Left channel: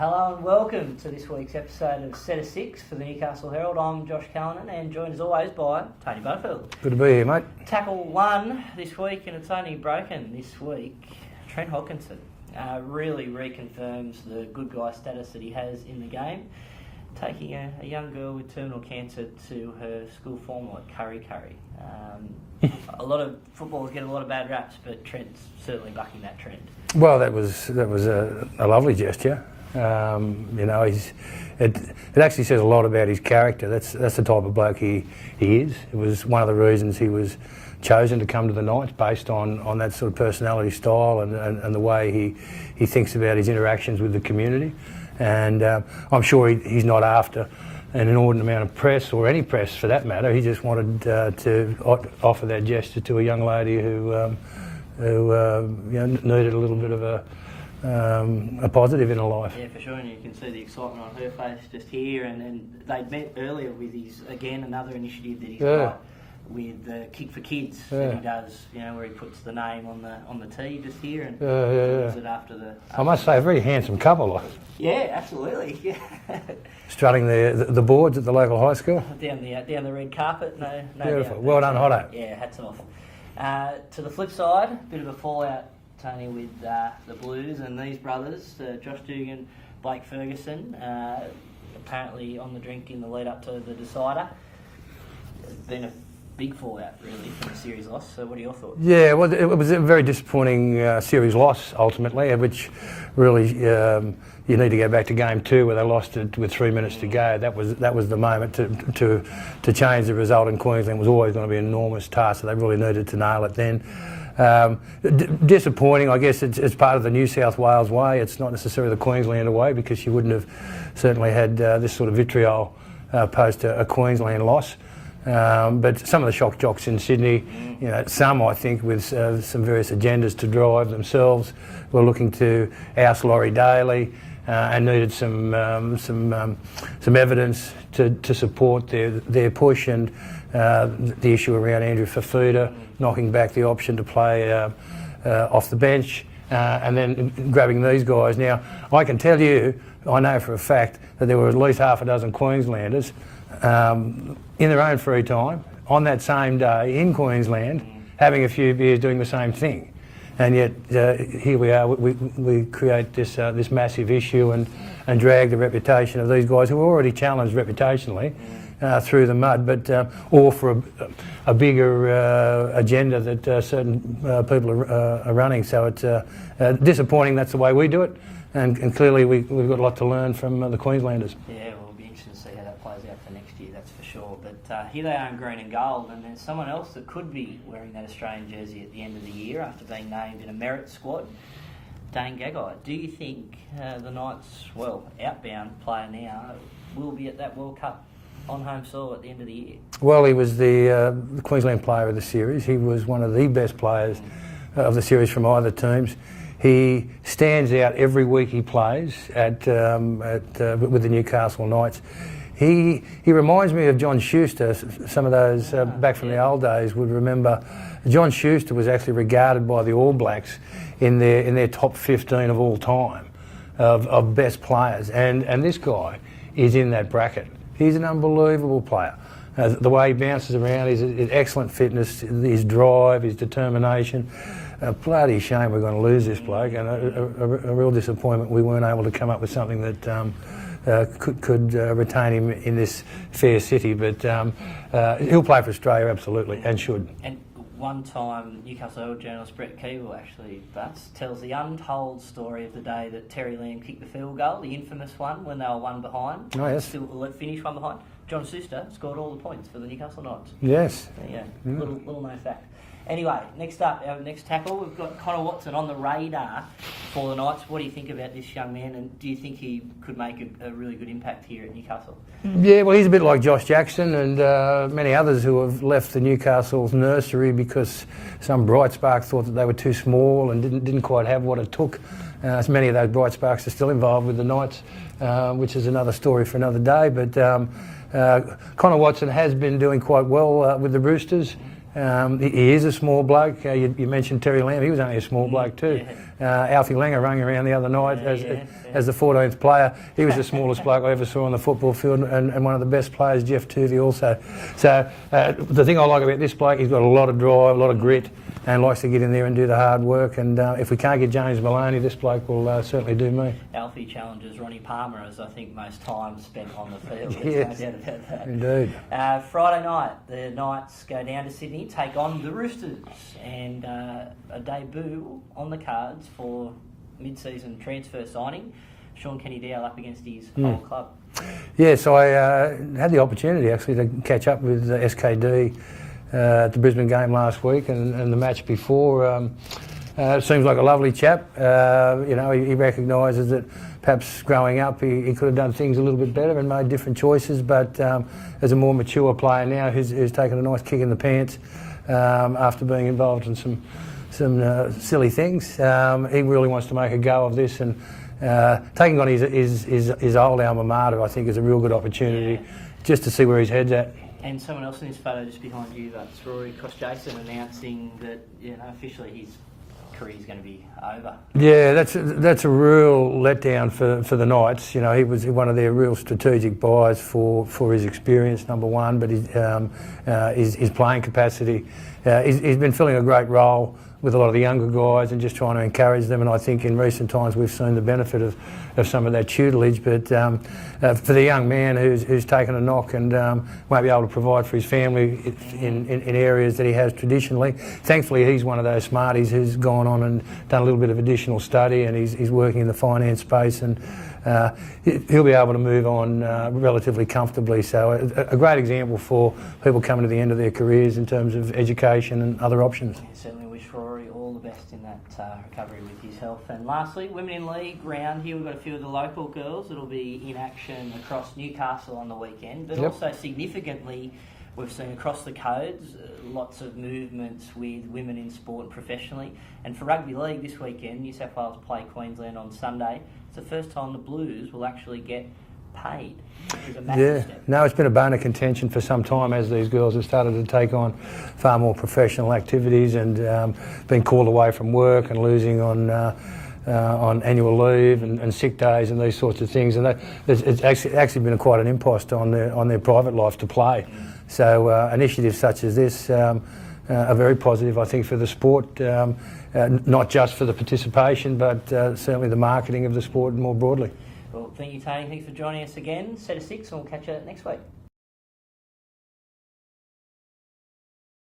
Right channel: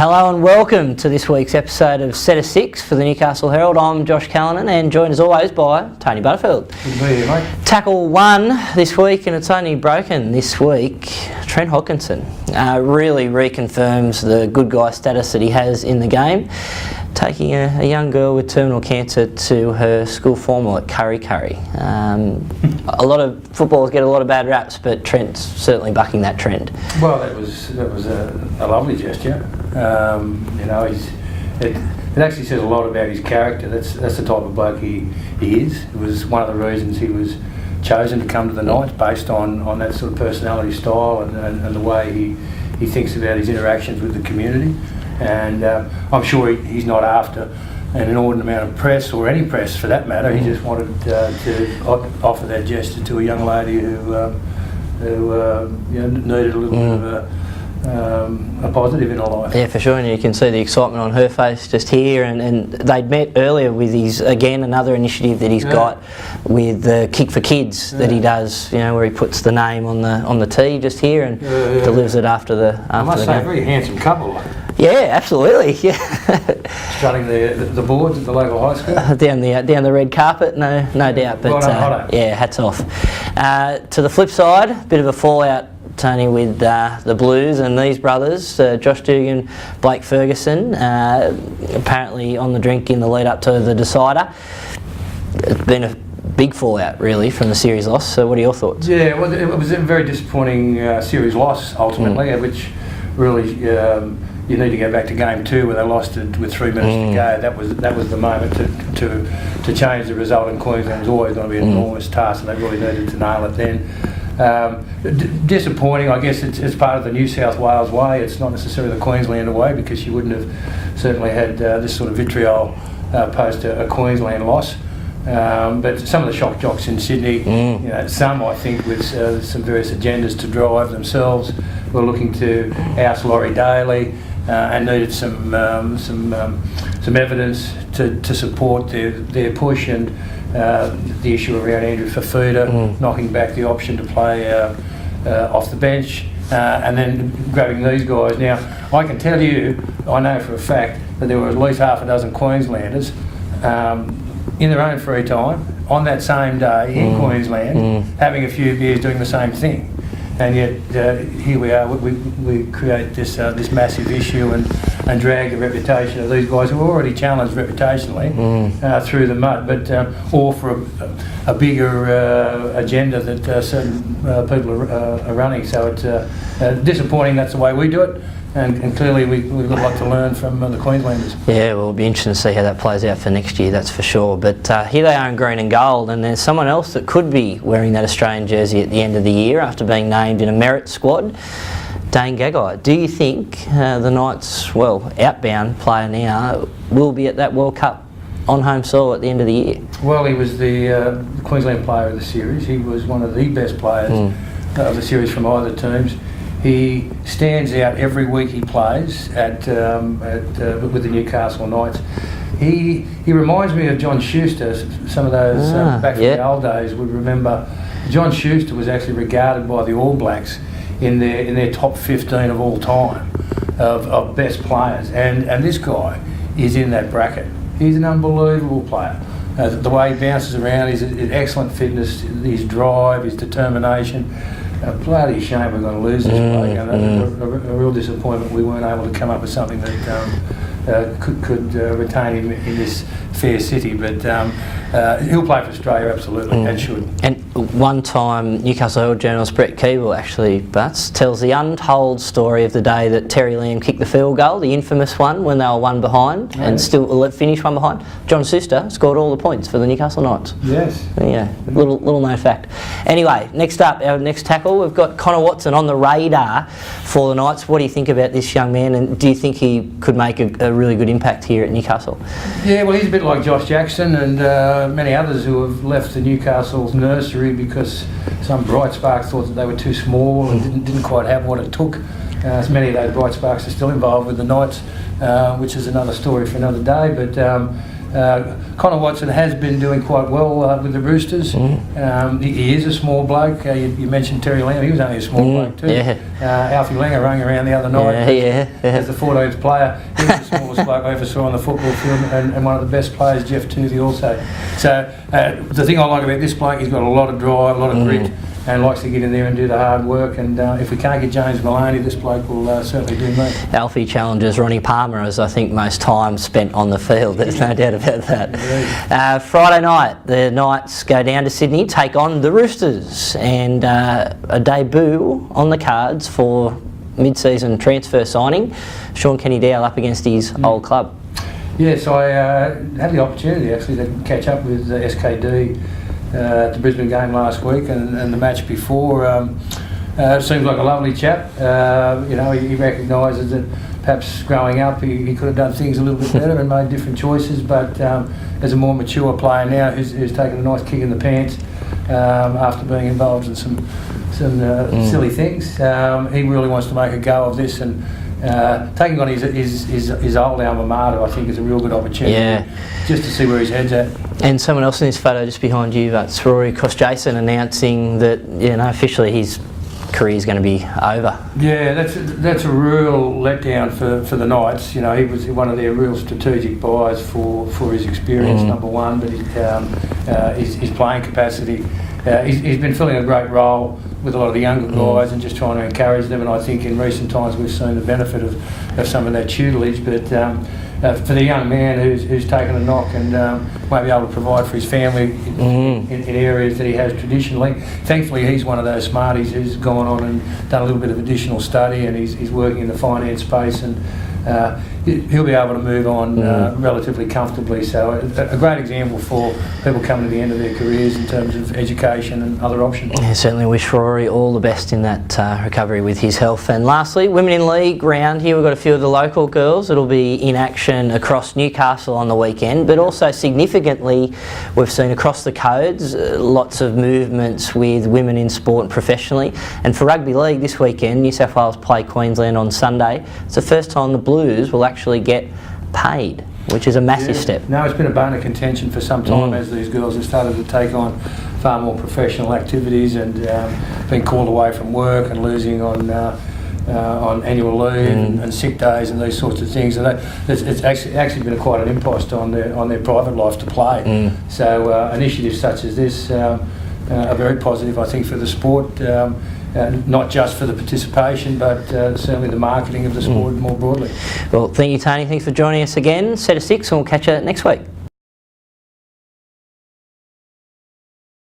Hello and welcome to this week's episode of Set of Six for the Newcastle Herald. I'm Josh Callanan and joined as always by Tony Butterfield. Good to be here, mate. Tackle one this week, and it's only broken this week. Trent Hodkinson really reconfirms the good guy status that he has in the game, taking a young girl with terminal cancer to her school formal at Curry Curry. A lot of footballers get a lot of bad raps, but Trent's certainly bucking that trend. Well, that was a lovely gesture. It actually says a lot about his character. That's the type of bloke he is. It was one of the reasons he was chosen to come to the Knights, based on that sort of personality style and the way he thinks about his interactions with the community. And I'm sure he's not after an inordinate amount of press, or any press for that matter. He just wanted to offer that gesture to a young lady who needed a little bit of a positive in her life. Yeah, for sure, and you can see the excitement on her face just here. And they'd met earlier with another initiative that he's got with the Kick for Kids that he does. Where he puts the name on the tee just here and delivers it after the. I must say, a very handsome couple. Yeah, absolutely. Yeah. Strutting the boards at the local high school. Down the red carpet, no doubt. But yeah, hats off. To the flip side, bit of a fallout, Tony, with the Blues and these brothers, Josh Dugan, Blake Ferguson, apparently on the drink in the lead up to the decider. It's been a big fallout, really, from the series loss. So what are your thoughts? Yeah, well, it was a very disappointing series loss, ultimately, which really... you need to go back to game 2 where they lost it with 3 minutes to go. That was the moment to change the result in Queensland. It was always going to be an enormous task, and they really needed to nail it then. Disappointing, I guess. It's part of the New South Wales way. It's not necessarily the Queenslander way, because you wouldn't have certainly had this sort of vitriol post a Queensland loss. But some of the shock jocks in Sydney, some I think with some various agendas to drive themselves, were looking to oust Laurie Daly. And needed some evidence to support their push, and the issue around Andrew Fafita knocking back the option to play off the bench, and then grabbing these guys. Now, I can tell you, I know for a fact that there were at least half a dozen Queenslanders in their own free time on that same day in Queensland, having a few beers, doing the same thing. And yet here we are. We create this massive issue and drag the reputation of these guys who are already challenged reputationally through the mud, but all for a bigger agenda that certain people are running. So it's disappointing. That's the way we do it. And clearly we've got a lot to learn from the Queenslanders. Yeah, well, it'll be interesting to see how that plays out for next year, that's for sure. But here they are in green and gold, and there's someone else that could be wearing that Australian jersey at the end of the year after being named in a merit squad, Dane Gagai. Do you think the Knights, outbound player now, will be at that World Cup on home soil at the end of the year? Well, he was the Queensland player of the series. He was one of the best players of the series from either teams. He stands out every week he plays with the Newcastle Knights. He reminds me of John Schuster. Some of those back from the old days would remember. John Schuster was actually regarded by the All Blacks in their top 15 of all time of best players, and this guy is in that bracket. He's an unbelievable player. The way he bounces around, his excellent fitness, his drive, his determination. A bloody shame we're going to lose this bloke. A real disappointment we weren't able to come up with something that could retain him in this fair city. But he'll play for Australia, absolutely, and should. And one time, Newcastle Herald journalist Brett Keeble actually tells the untold story of the day that Terry Lamb kicked the field goal, the infamous one when they were one behind and still finished one behind. John Schuster scored all the points for the Newcastle Knights. Yes. Yeah, little known fact. Anyway, next up, our next tackle, we've got Connor Watson on the radar for the Knights. What do you think about this young man, and do you think he could make a really good impact here at Newcastle? Yeah, well, he's a bit like Josh Jackson and many others who have left the Newcastle's nursery because some bright sparks thought that they were too small and didn't quite have what it took. Many of those bright sparks are still involved with the Knights, which is another story for another day. But Connor Watson has been doing quite well with the Roosters. He is a small bloke. You mentioned Terry Lamb. He was only a small bloke too. Yeah. Alfie Langer rang around the other night as the 14th player. He was the smallest bloke I ever saw on the football field, and one of the best players, Jeff Toothey, also. So the thing I like about this bloke, he's got a lot of drive, a lot of grit, and likes to get in there and do the hard work. And if we can't get James Maloney, this bloke will certainly do me. Alfie challenges Ronnie Palmer as I think most time spent on the field. There's no doubt about that. Friday night, the Knights go down to Sydney, take on the Roosters, and a debut on the cards for mid-season transfer signing. Sean Kenny-Dowell up against his old club. Yes, I had the opportunity actually to catch up with SKD at the Brisbane game last week and the match before. Seems like a lovely chap. You know, he recognises that perhaps growing up he could have done things a little bit better and made different choices, but as a more mature player now who's taken a nice kick in the pants after being involved in some silly things, he really wants to make a go of this, and taking on his old alma mater, I think, is a real good opportunity just to see where his head's at. And someone else in this photo just behind you, that's Rory Kosjason announcing that, you know, officially his career is going to be over. Yeah, that's a real letdown for the Knights. You know, he was one of their real strategic buys for his experience, number one, but his playing capacity. He's been filling a great role with a lot of the younger guys and just trying to encourage them, and I think in recent times we've seen the benefit of some of that tutelage, but for the young man who's taken a knock and won't be able to provide for his family in areas that he has traditionally, thankfully he's one of those smarties who's gone on and done a little bit of additional study, and he's working in the finance space, and he'll be able to move on relatively comfortably. So a great example for people coming to the end of their careers in terms of education and other options. Yeah, certainly wish Rory all the best in that recovery with his health. And lastly, Women in League round here, we've got a few of the local girls that'll be in action across Newcastle on the weekend, but also significantly we've seen across the codes lots of movements with women in sport professionally. And for rugby league this weekend, New South Wales play Queensland on Sunday. It's the first time the Blues will actually get paid, which is a massive step. No, it's been a bone of contention for some time as these girls have started to take on far more professional activities and been called away from work and losing on annual leave and sick days and these sorts of things, and it's actually been quite an impost on their private life to play. So initiatives such as this are very positive, I think, for the sport. Not just for the participation, but certainly the marketing of the sport more broadly. Well, thank you, Tony. Thanks for joining us again. Set of 6, and we'll catch you next week.